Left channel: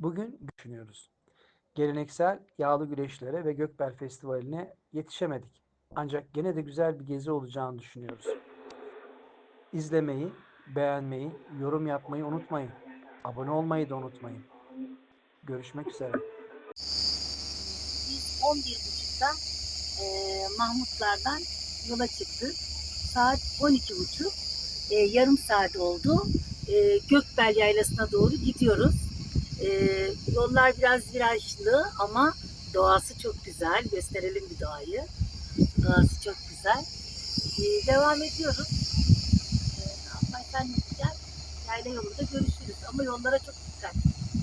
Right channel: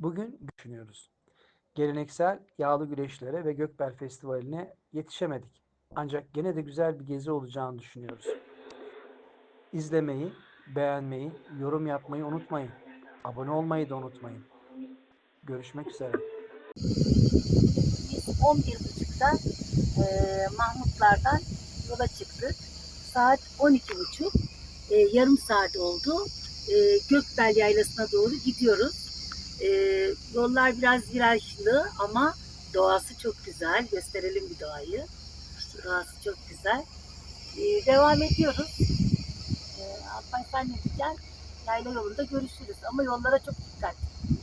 Bugün düşünüyoruz. Geleneksel yağlı güreşlere ve Gökbel Festivali'ne yetişemedik. Ancak gene de güzel bir gezi olacağını düşünüyoruz. İzlemeyi, beğenmeyi, yorum yapmayı unutmayın. Abone olmayı da unutmayın. Görüşmek üzere. Biz 11.30'da e, Mahmutlardan yola çıktık. Saat 12.30. E, yarım saat oldu. E, Gökbel Yaylası'na doğru gidiyoruz. E, yollar biraz virajlı ama doğası çok güzel. Gösterelim bir doğayı. Doğası çok güzel. E, devam ediyoruz. E, Alpay sen ne diyeceksin? Yayla yolunda görüşürüz ama yollara çok dikkat.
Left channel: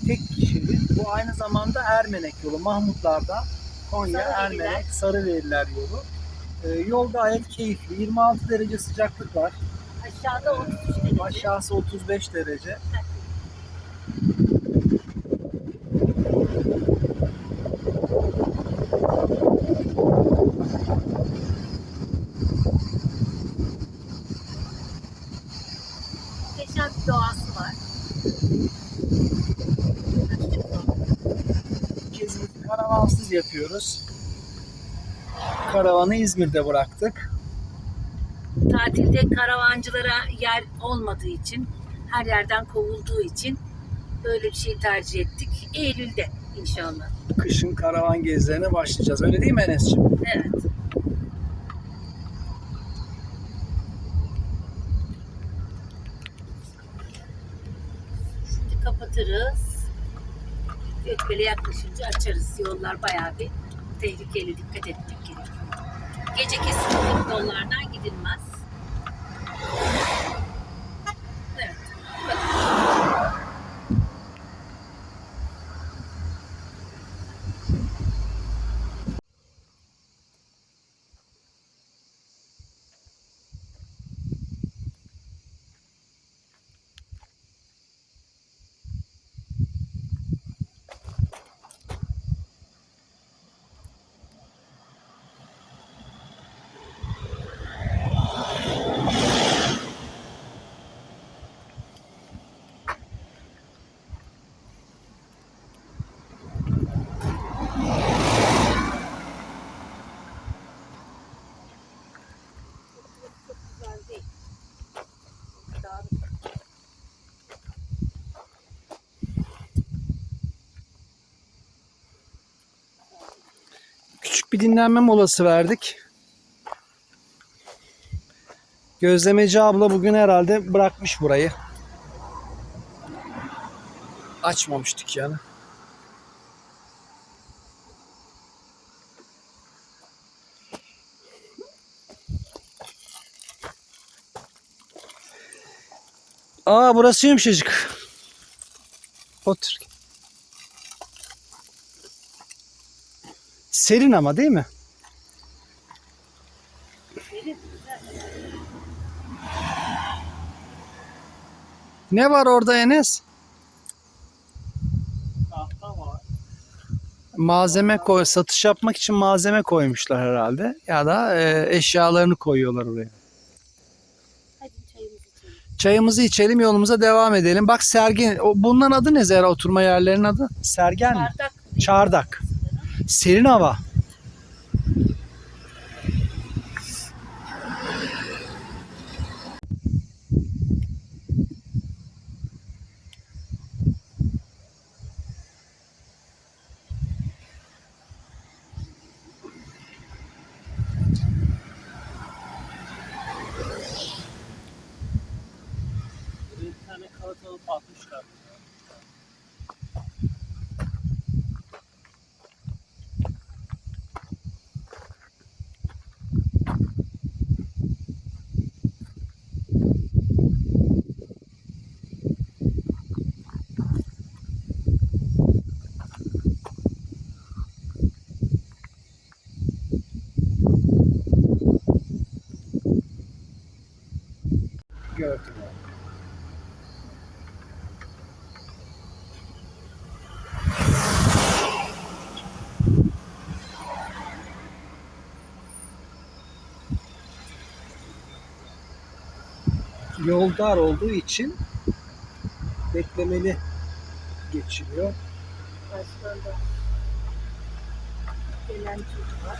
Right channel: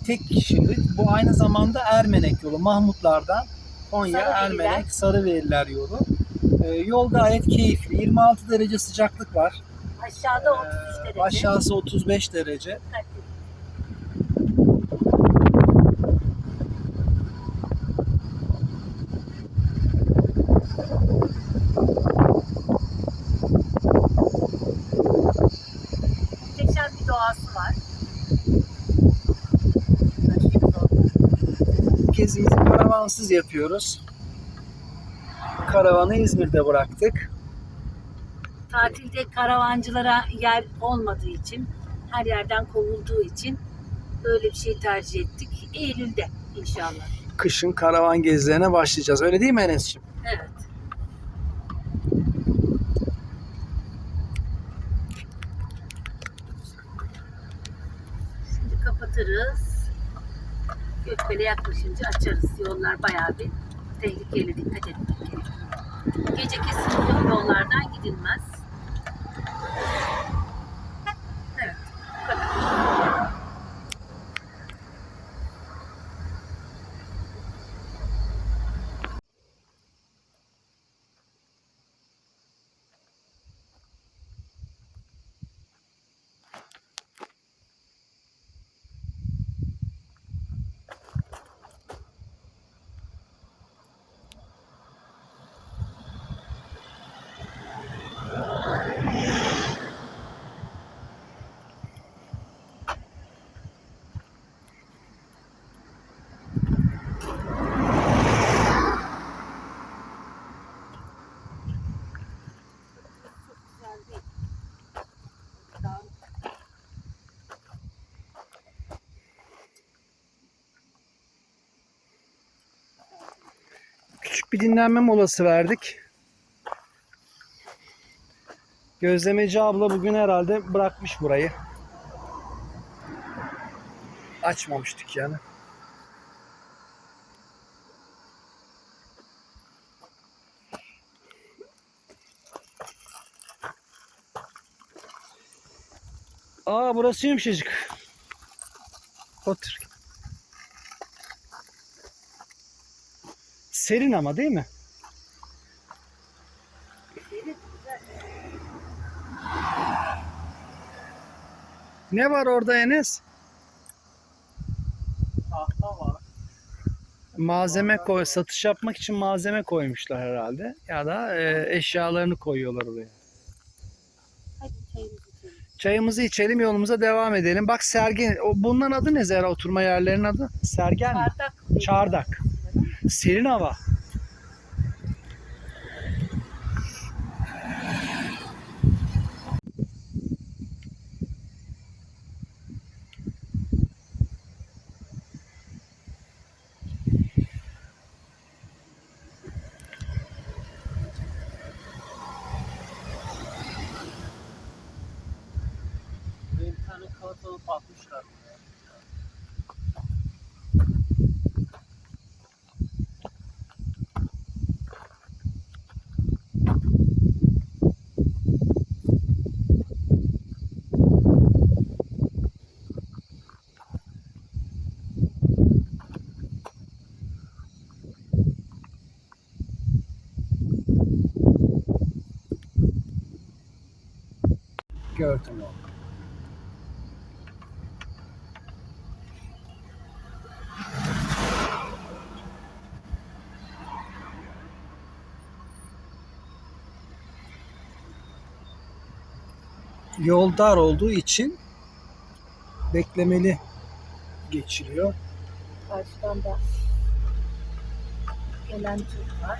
tek kişilik. Bu aynı zamanda Ermenek yolu. Mahmutlardan Konya, Sarıveriler. Ermenek, Sarıveriler yolu. Ee, yol gayet keyifli. 26 derece sıcaklık var. Aşağıda 33 derece. Aşağısı 35 derece. Dikkatli. Muhteşem bir doğası var. Görüşürüz orada. Karavansız yapıyoruz. Karavanı İzmir'de bıraktık. Tatilde karavancılara yer olmadığı için, her yerden kovulduğu için böyle bir şey tercih ettik. Eylül'de inşallah. Kışın karavan gezilerine başlayacağız. Öyle değil mi Enes'ciğim? Evet. Şimdi kapatırız. Gökbel'e yaklaşınca açarız. Yollar bayağı bir tehlikeli. Dikkat etmek gerekiyor. Gece kesinlikle yollardan gidilmez. Evet. Bu kadar. Küçük bir dinlenme molası verdik. Gözlemeci abla bugün herhalde bırakmış burayı. Açmamış dükkanı. Aa burası yumuşacık. Otur. Serin ama değil mi? Ne var orada Enes? Tahta var. Malzeme koy, satış yapmak için malzeme koymuşlar herhalde. Ya da e, eşyalarını koyuyorlar oraya. Hadi çayımızı içelim. Çayımızı içelim yolumuza devam edelim. Bak Sergen, o, bunların adı ne Zehra oturma yerlerinin adı? Sergen mi? Çardak. Çardak. Serin hava. Gördüm onu. Yol dar olduğu için beklemeli geçiliyor. Karşıdan da gelen Türk var.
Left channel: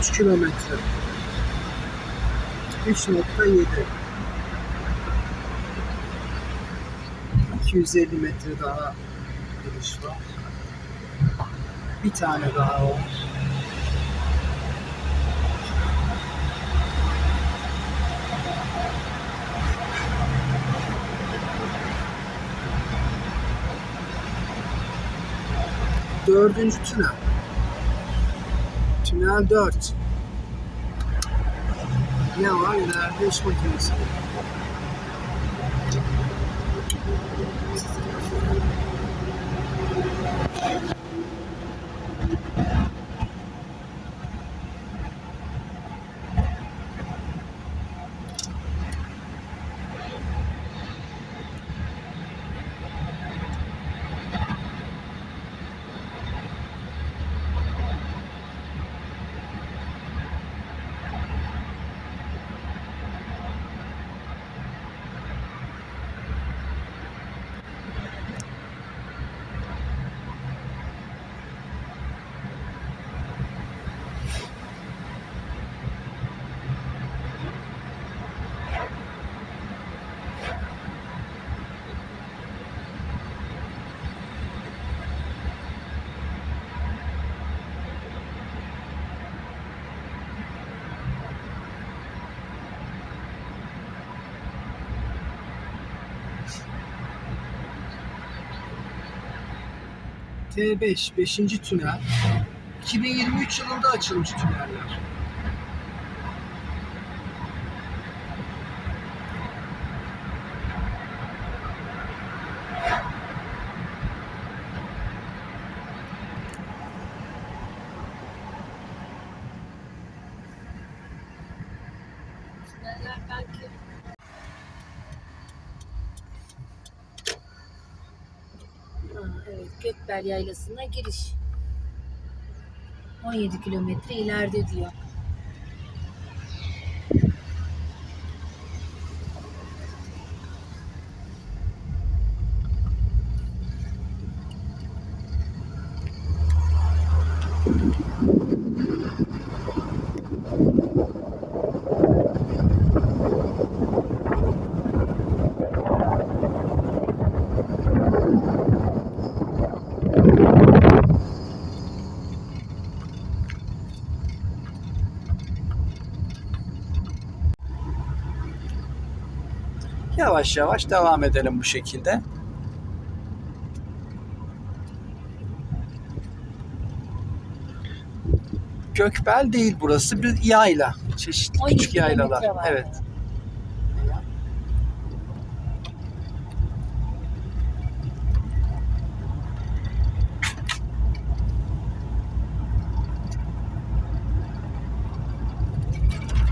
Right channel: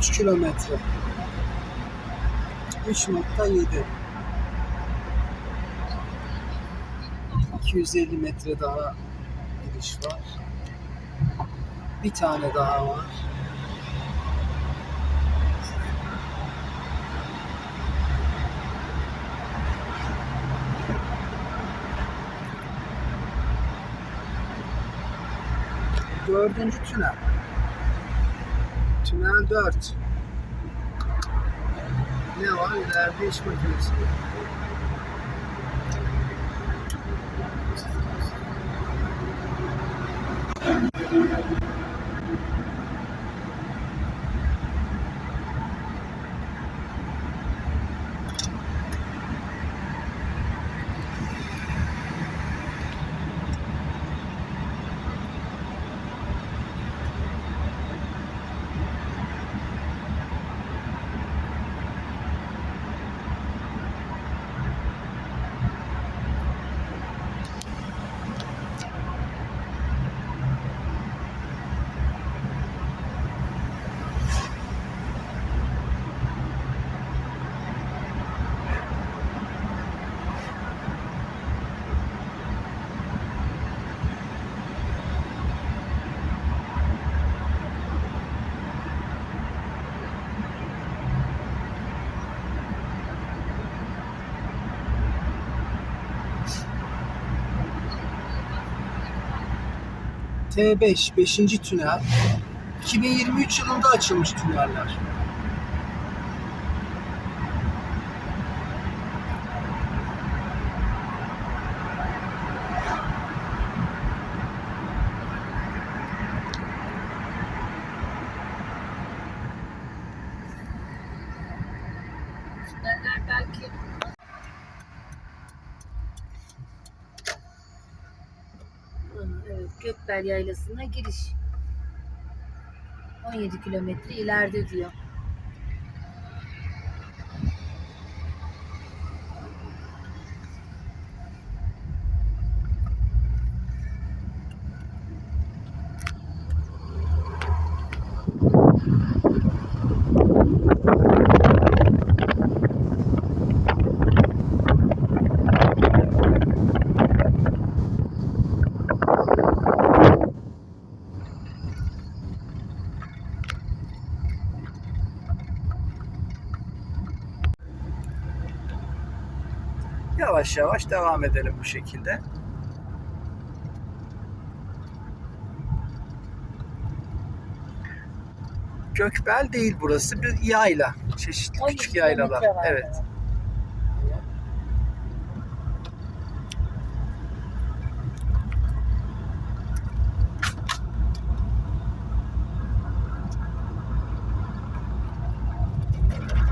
3 kilometre. 3.7 250 metre daha giriş var. Bir tane daha var. Dördüncü tünel. Tünel 4. Ne var? İleride iş makinesi. T5 5. tünel 2023 yılında açılmış tüneller belki Ha, Gökbel Yaylası'na giriş. 17 kilometre ileride diyor. Yavaş yavaş devam edelim bu şekilde. Gökbel değil burası bir yayla. Çeşitli 12 küçük yaylalar. Evet.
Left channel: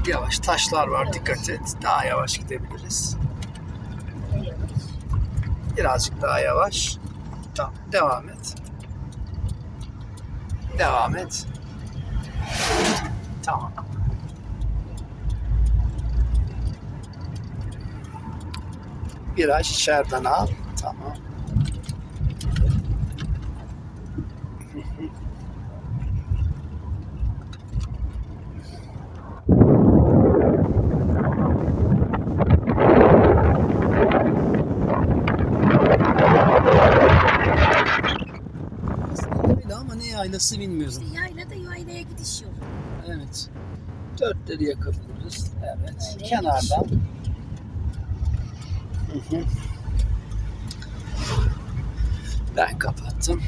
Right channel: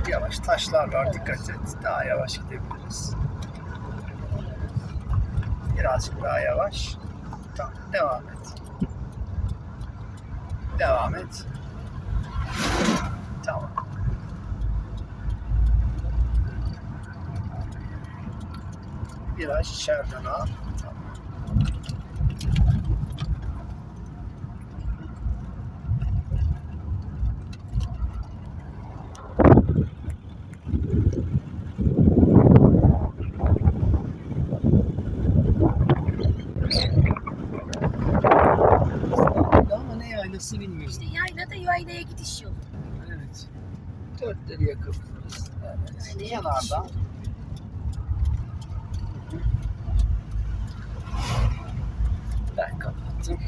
Yavaş taşlar var Evet. dikkat et. Daha yavaş gidebiliriz. Birazcık daha yavaş. Tamam devam et. Devam et. Tamam. Viraj içeriden al. Tamam. Aslında yayla ama ne yaylası bilmiyorum. İşte yayla da yaylaya gidiş yolu. Evet. Dörtleri yakabiliriz. Evet. Yaylaya Kenardan. Hı hı. Ben kapattım.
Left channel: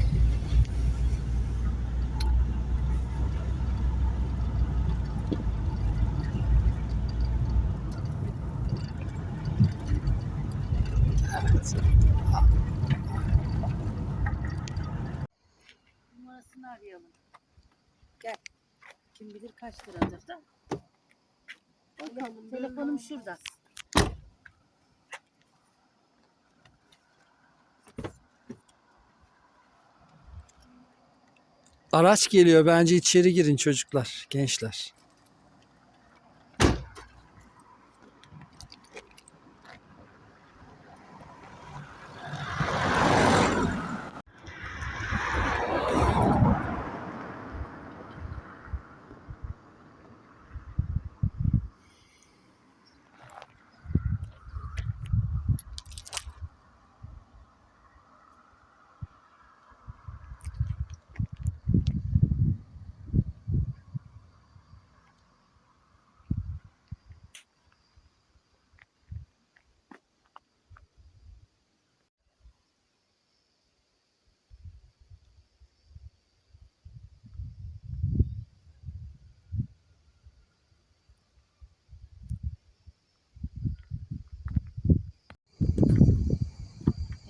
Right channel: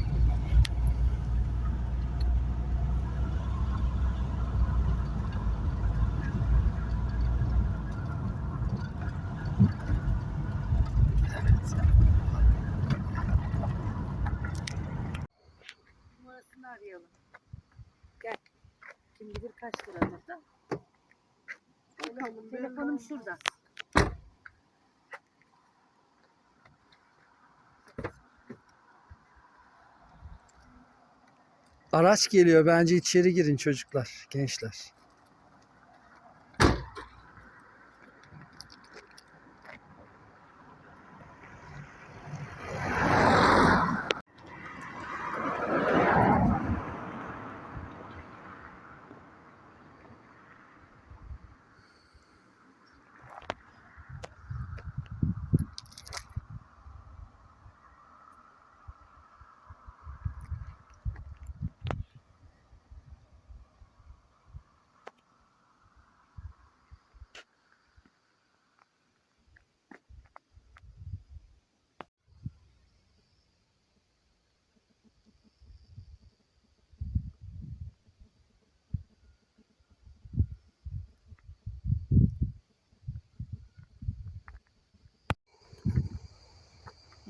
Kaç liradır da. Bakalım, Telefonum şurada. Araç geliyor. Bence içeri girin çocuklar, gençler.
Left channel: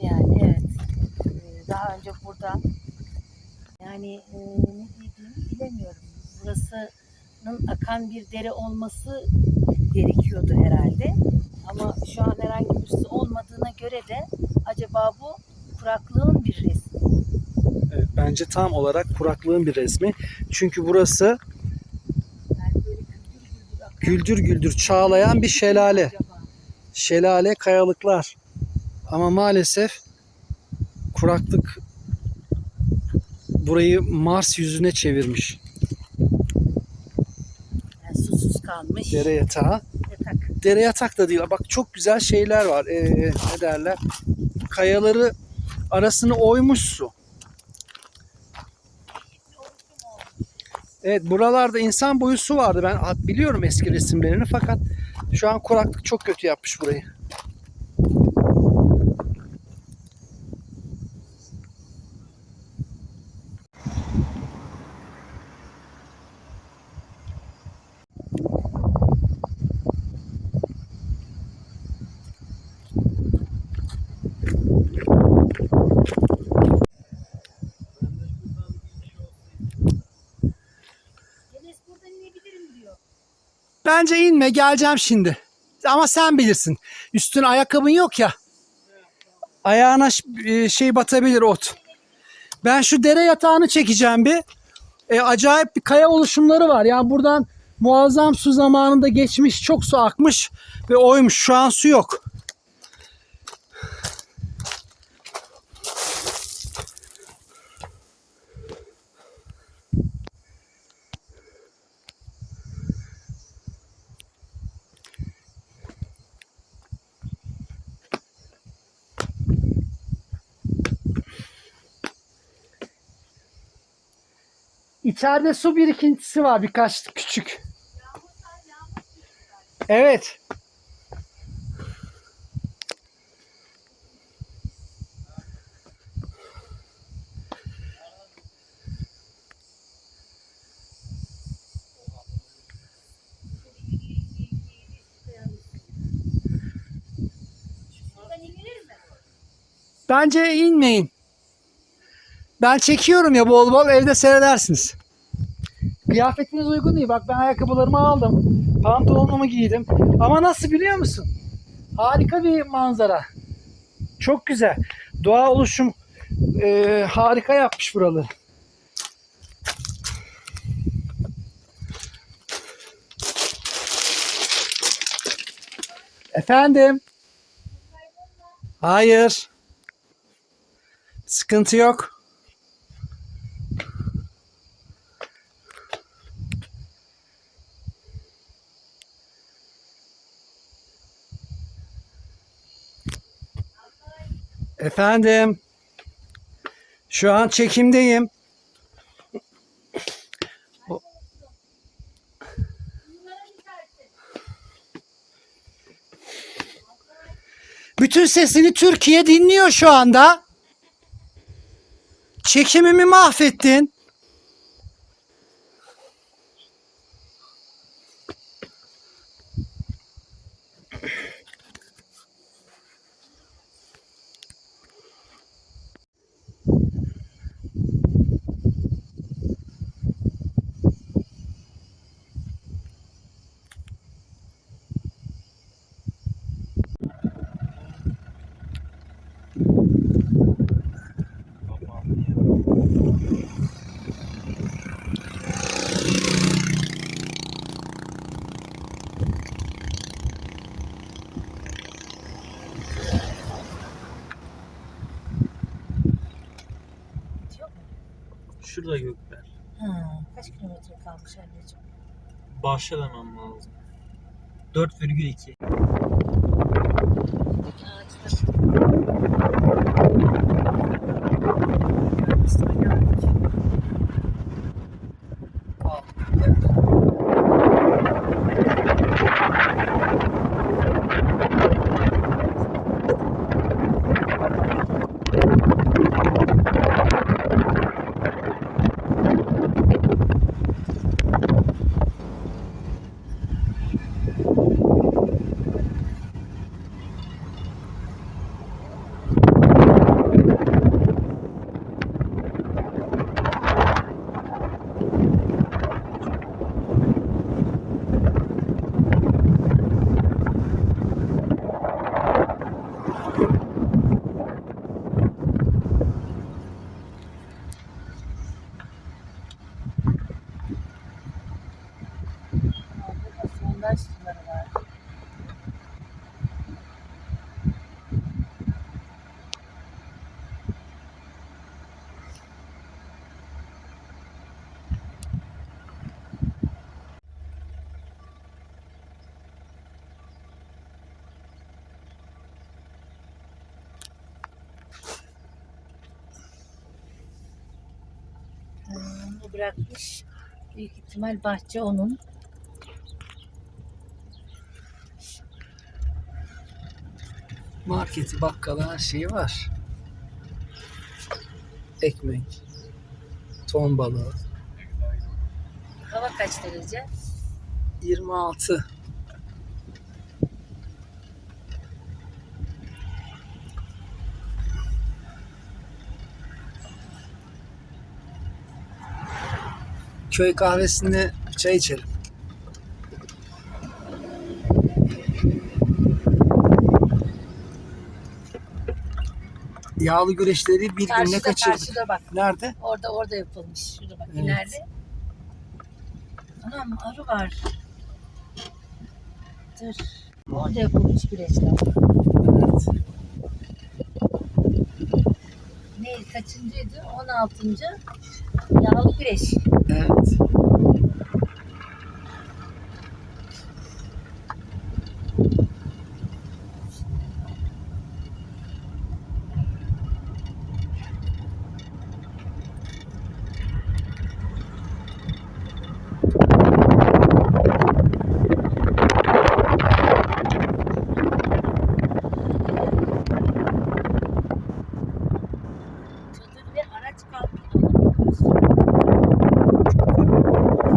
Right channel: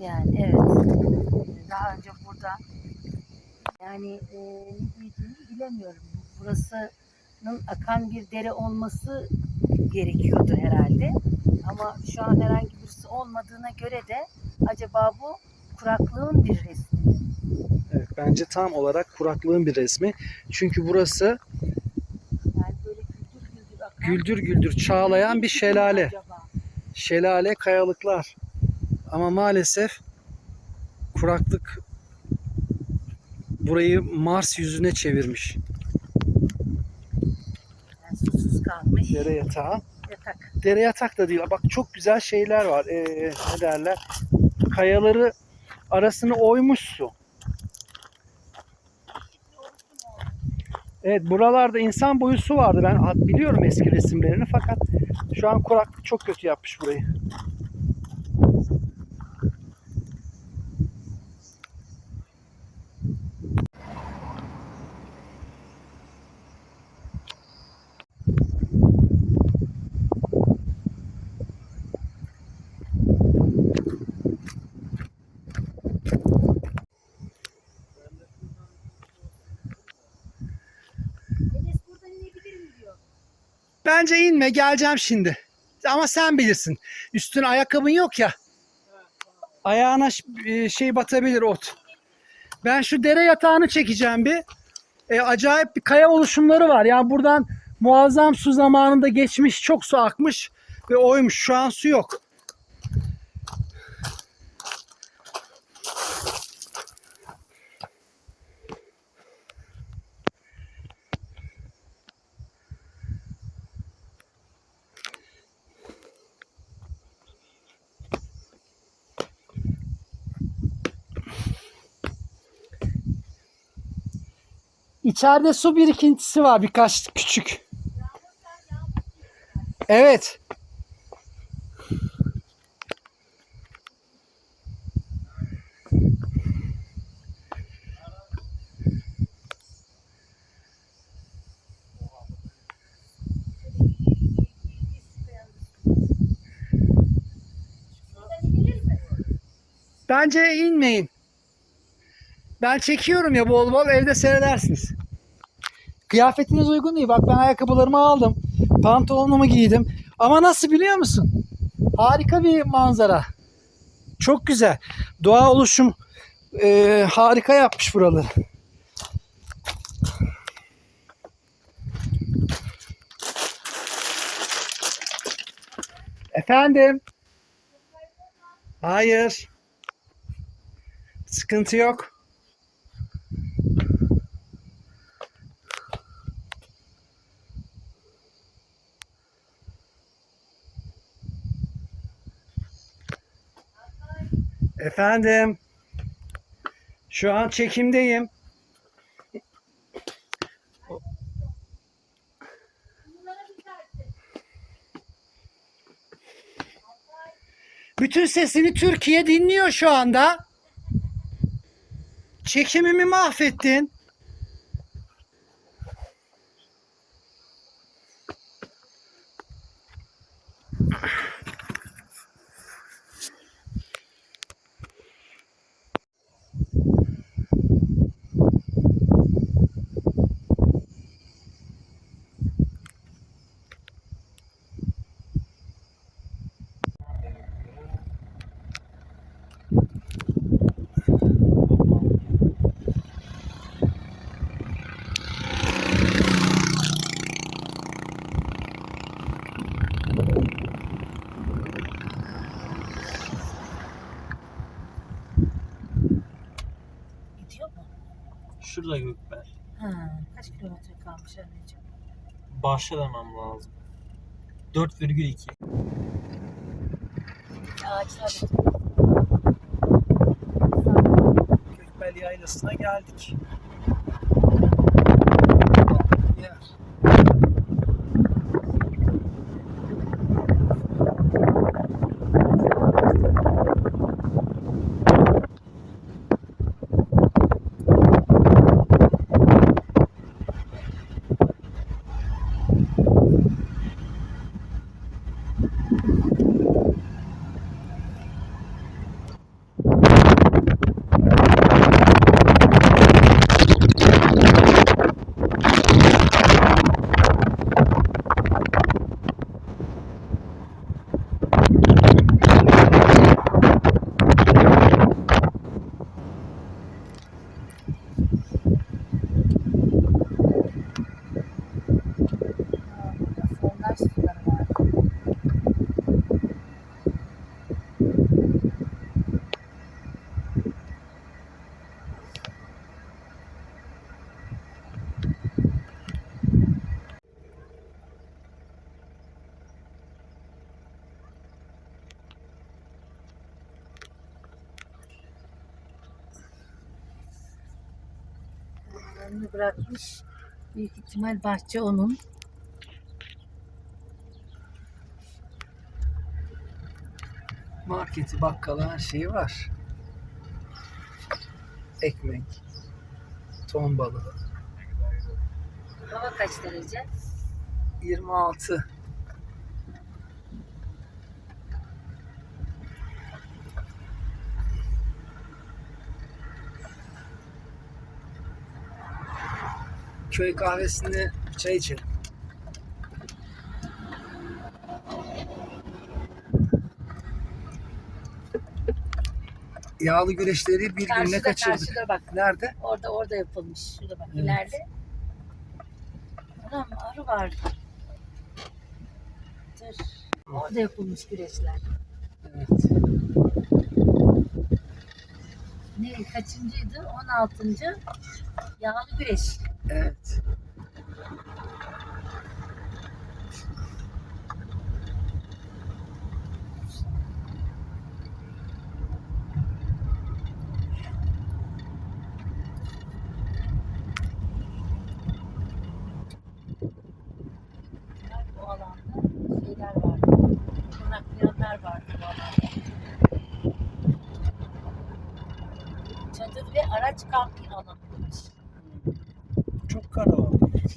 Yani evet. Ee, Daha önce burada yani e, ne diyeceğimi bilemiyorum. Burasının akan bir dere olması gerekiyordu herhalde. Ama şu an herhangi birisi olmadığına göre de acaba bu kuraklığın bir resmi. Evet, bence tam olarak kuraklığın bir resmi. Çünkü burası Yani böyle güldür güldür akan. güldür güldür çağlayan bir şelale. Acaba? Şelale, kayalıklar. Ama maalesef kuraklık burayı Mars yüzüne çevirmiş. Yani susuz kalmış. Dere yatağı. Yatak. Dere yatak da değil. Bak çok güzel şeyler var. Ee, ne derler? Kayaları arasını oymuş su. Evet buralarda insan boyu su vardı. Ben biliyorum eski resimlerini fakat şu an kuraklık çok kötü yapmış burayı. Bence inme geleceğim şimdi. Ama sen bilirsin. Üstüne ayakkabın yok ya. Ayağına e, şey batabilir ot. Ben şu dere yatağını çekeceğim bir. E, acayip bir kaya oluşumları var. Yani buradan muazzam su zamanında geçmiş. Çok su akmış ve oymuş. Şu an su yok. İçeride su birikintisi var birkaç küçük. Evet. Bence inmeyin. Ben çekiyorum ya bol bol evde seyredersiniz. Kıyafetiniz uygun değil. Bak ben ayakkabılarımı aldım. Pantolonumu giydim. Ama nasıl biliyor musun? Harika bir manzara. Çok güzel. Doğa oluşum eee, harika yapmış buraları. Efendim? Hayır. Sıkıntı yok. Efendim. Şu an çekimdeyim. Bütün sesini Türkiye dinliyor şu anda. Çekimimi mahvettin. Şurada Gökbel. Ha, kaç kilometre kalmış anneciğim? Başlamam lazım. 4,2. Buradaki ağaçlar Gökbel Yaylası'na geldik. Onu bırakmış. Büyük ihtimal bahçe onun. Marketi, bakkalı her şeyi var. Ekmek, ton balığı. Hava kaç derece? 26. Köy kahvesinde çay içelim. Yağlı güreşleri bir Karşıda kaçırdık. karşıda bak. Nerede? Orada orada yapılmış. Şurada bak Evet. ileride. Anam arı var. Dur. Orada yapılmış güreşler. Evet. Ne kaçıncıydı? 16. Yağlı güreş. Evet. Çadır ve araç kamp alanıymış. Çok karanlık.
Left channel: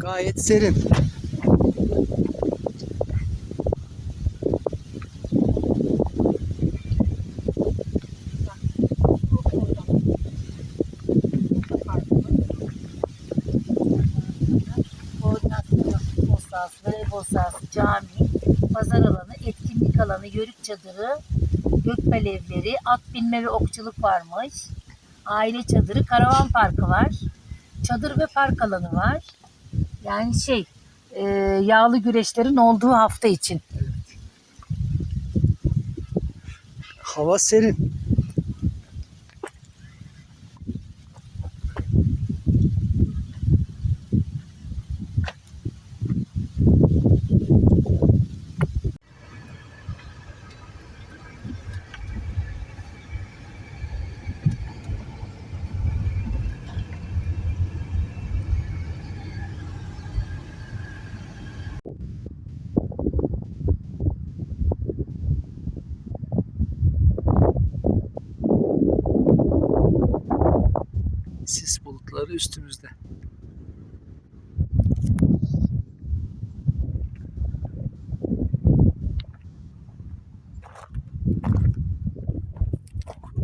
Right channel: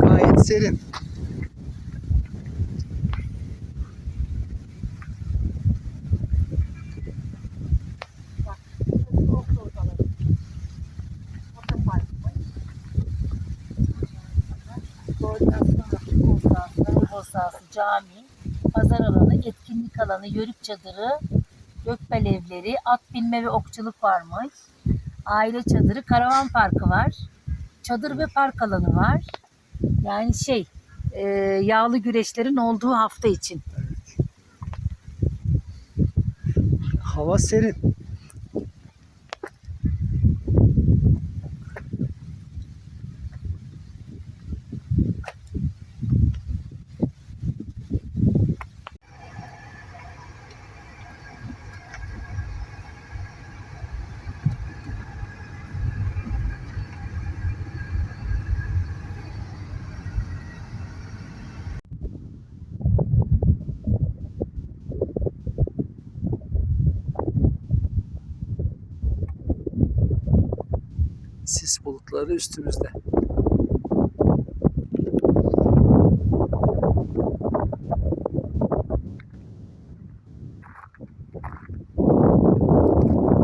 Gayet serin. Koordinasyon, futbol sahası, voleybol sahası, cami, pazar alanı, etkinlik alanı, yörük çadırı, gökbel evleri, at binme ve okçuluk varmış. Aile çadırı, karavan parkı var. Çadır ve park alanı var. Yani şey, e, yağlı güreşlerin olduğu hafta için. Evet. Hava serin. Sis bulutları üstümüzde.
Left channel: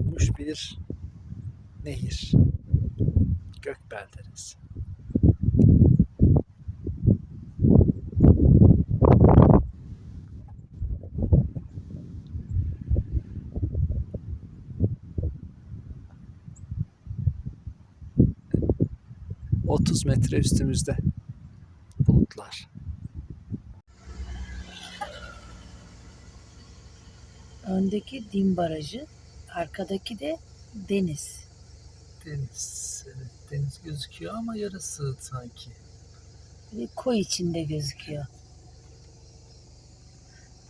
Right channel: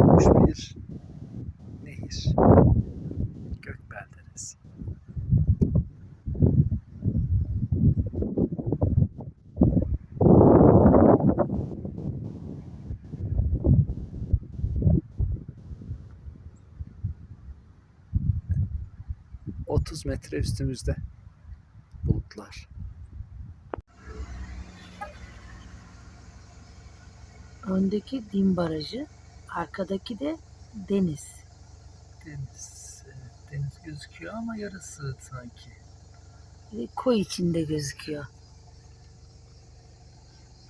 Boş bir nehir. Gökbel Deresi. ...30 metre üstümüzde bulutlar. Öndeki Dim Barajı, arkadaki de deniz. Deniz, evet, deniz gözüküyor ama yarısı sanki. Ve koy içinde gözüküyor.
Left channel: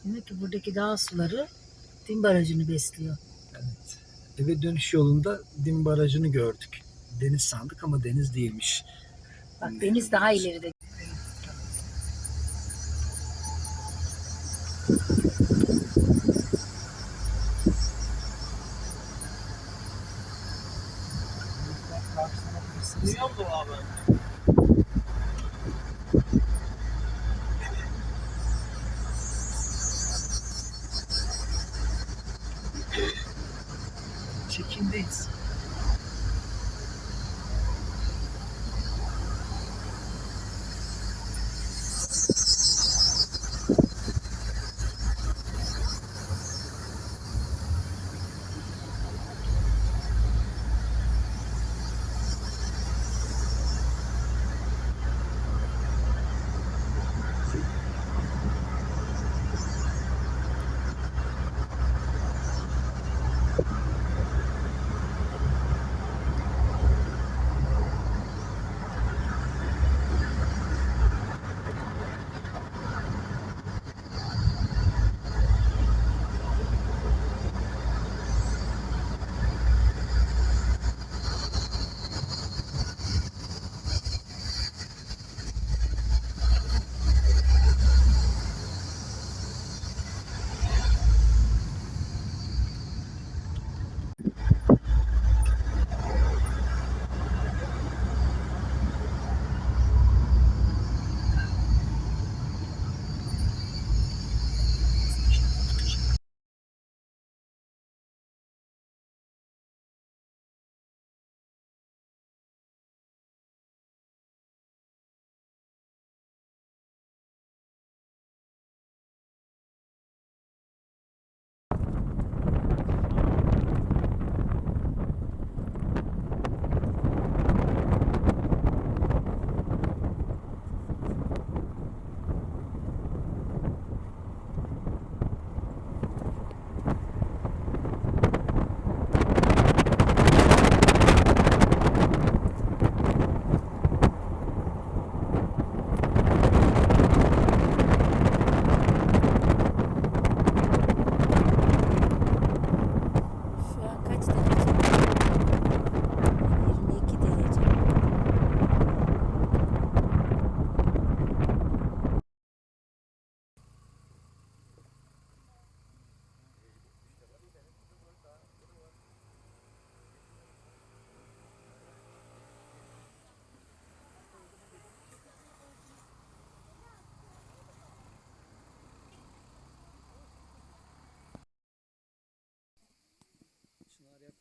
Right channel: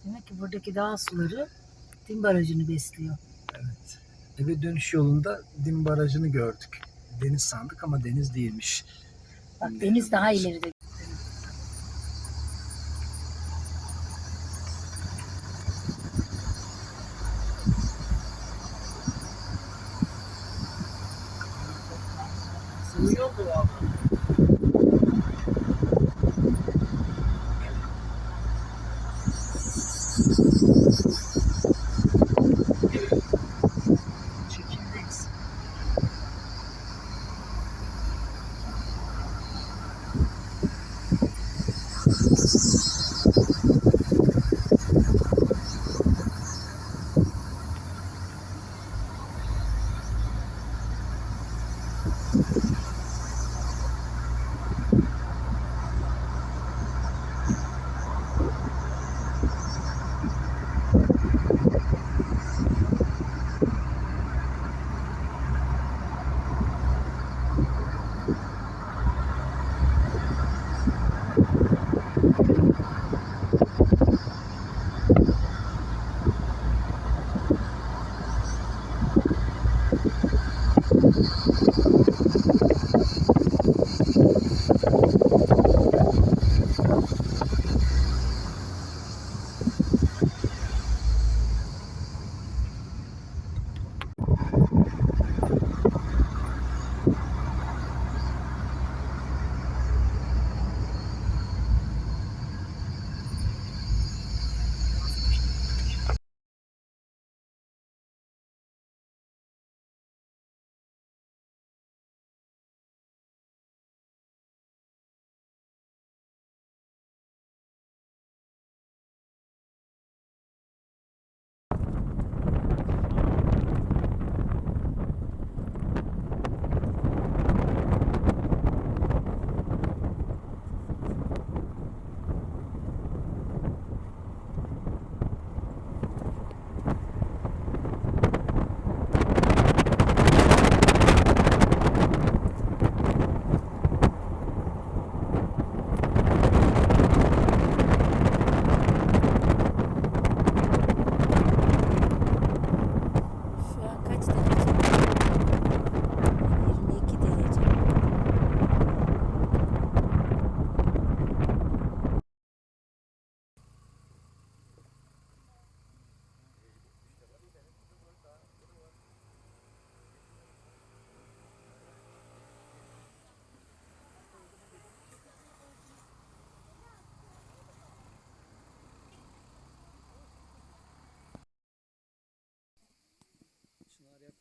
Demek ki buradaki dağ suları Dim Barajı'nı besliyor. Evet. Eve dönüş yolunda Dim Barajı'nı gördük. Deniz sandık ama deniz değilmiş. Bak deniz daha ileride.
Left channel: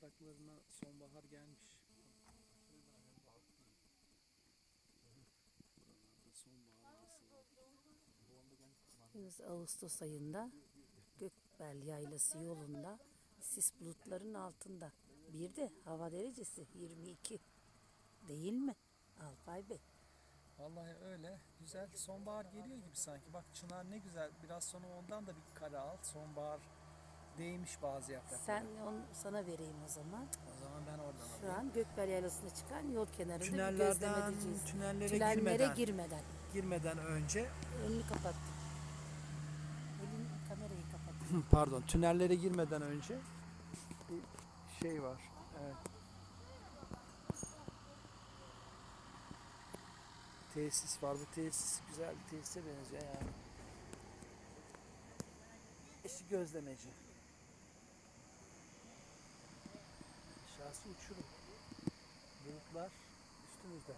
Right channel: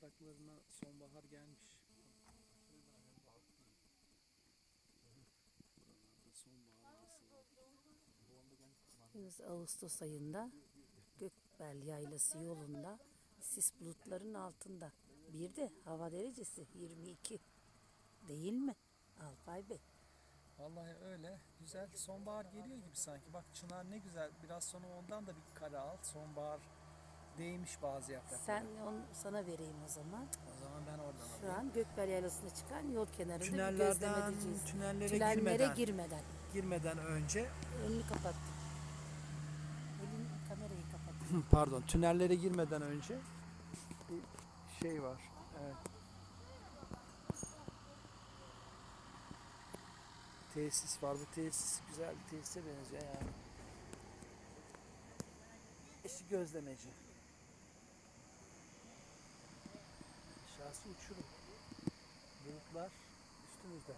Yapraklarına sonbahar gelmiş. Buralarda sonbahar Ağustos ayında Gökbel Yaylası yolunda sis bulutların altında. Bir de hava derecesi 22. Değil mi Alpay Bey? Vallahi öyle. Güzel. Sonbahar geliyor gibi sanki. Bak çınar ne güzel. Biraz sonra ondan da bir kare al. Sonbahar değmiş bazı yapraklara. Sen onu sana vereyim o zaman. O zaman ben oradan Şu alayım. an Gökbel Yaylası'na çıkan yol kenarında bir Tünellerden, gözlem edeceğiz. tünellere Tünellere girmeden, girmeden. girmeden önce Elini kapattım. Elin kamerayı kapattım. pardon tünellere girmeden önce bir şey var. Evet. Tesis var. Bu tesis güzel bir tesise benziyor yani. Eşi gözlemeci. Aşağısı uçurum. Bulutlar üstümüzde.